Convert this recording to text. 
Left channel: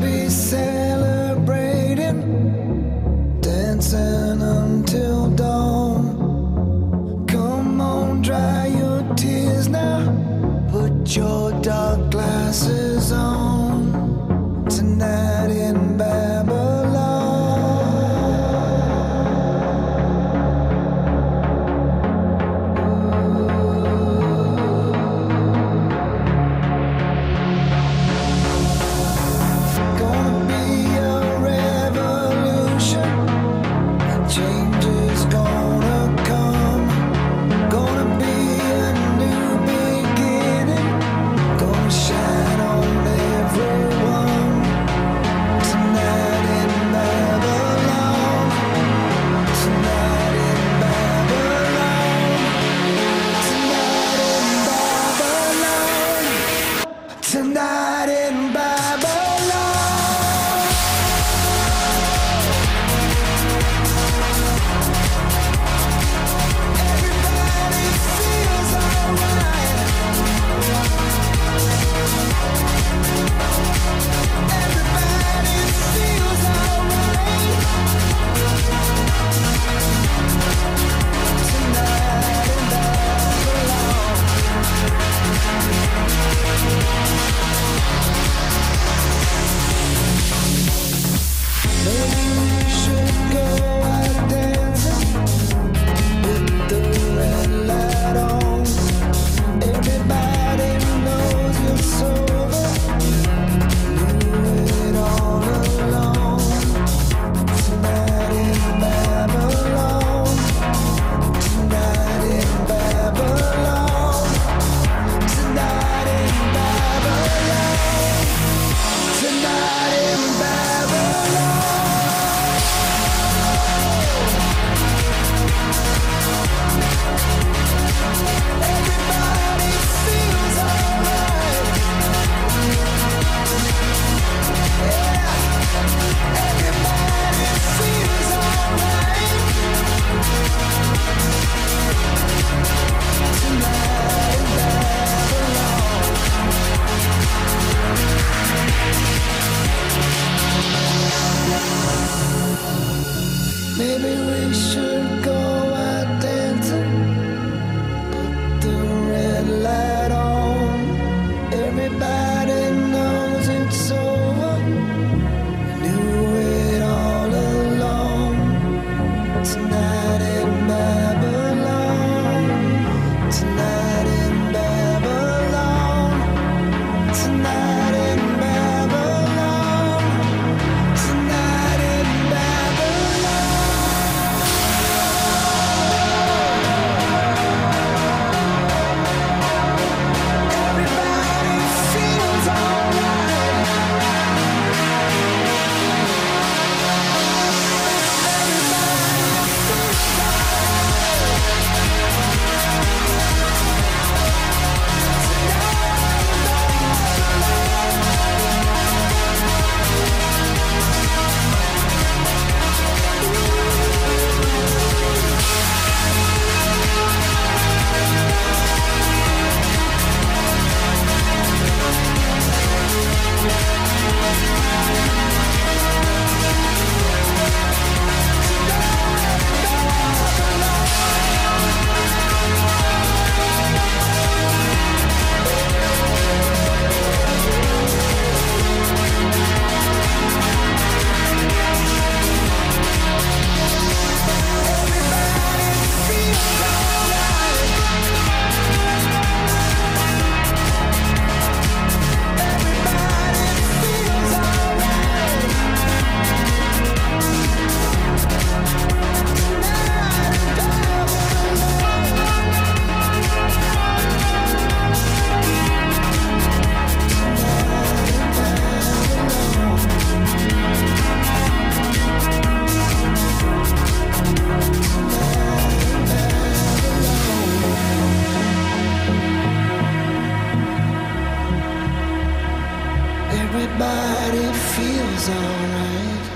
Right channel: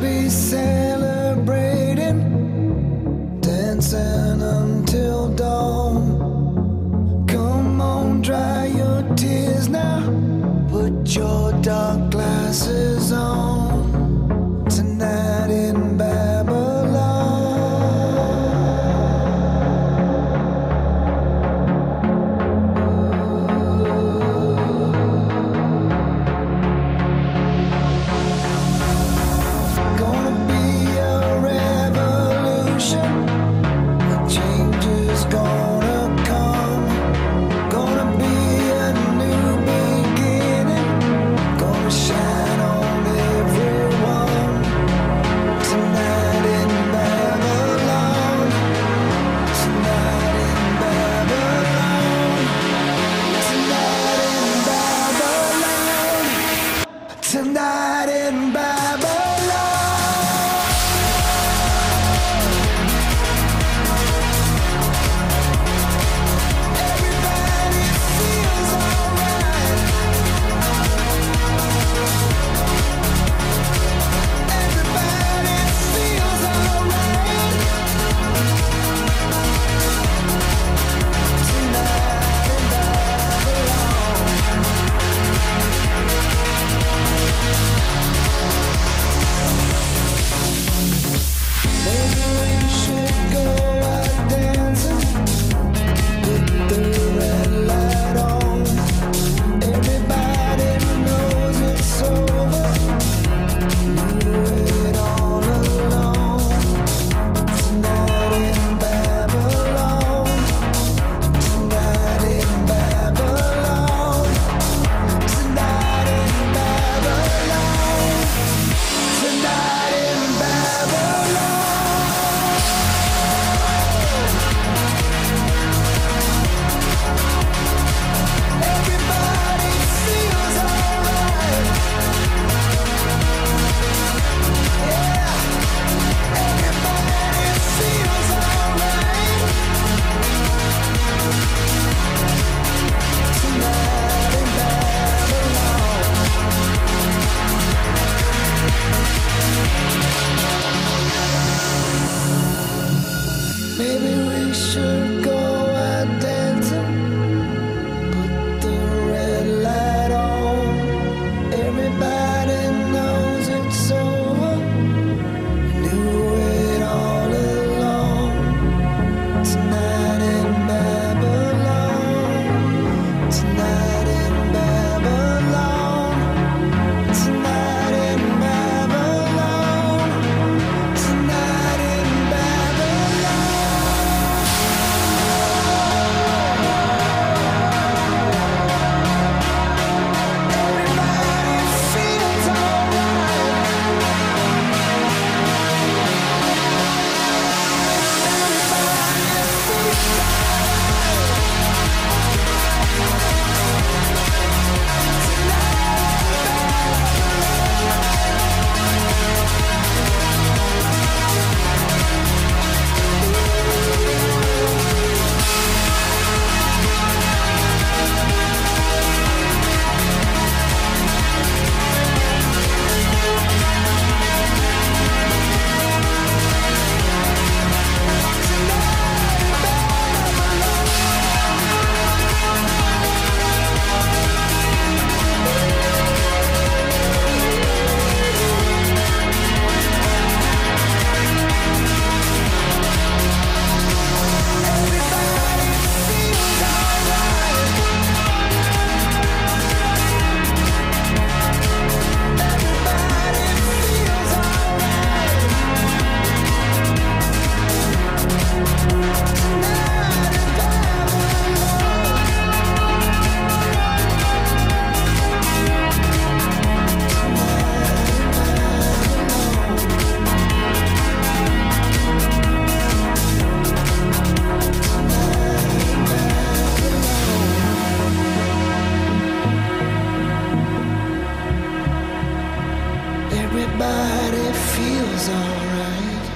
be celebrating, dancing until dawn. Come on, dry your tears now, put your dark glasses on. Tonight in Babylon. Gonna be a revolution, change is gonna come. Gonna be a new beginning, gonna shine on everyone. Tonight in Babylon, tonight in Babylon, tonight in Babylon, tonight in Babylon. Maybe we should go out dancing, put the red light on. Everybody knows it's over, knew it all along. Tonight in Babylon, tonight in Babylon, tonight in Babylon, tonight in Babylon. Everybody feels alright. Yeah, everybody feels alright. Tonight in Babylon. Maybe we should go out dancing, put the red light on. Everybody knows it's over, knew it all along. Tonight in Babylon, tonight in Babylon, tonight in Babylon, tonight in Babylon. Everybody feels alright. Everybody feels alright. Tonight in Babylon. Tonight in Babylon. Everybody feels alright. Everybody feels alright. Tonight in Babylon. Tonight in Babylon. Tonight in Babylon. Everybody feels alright.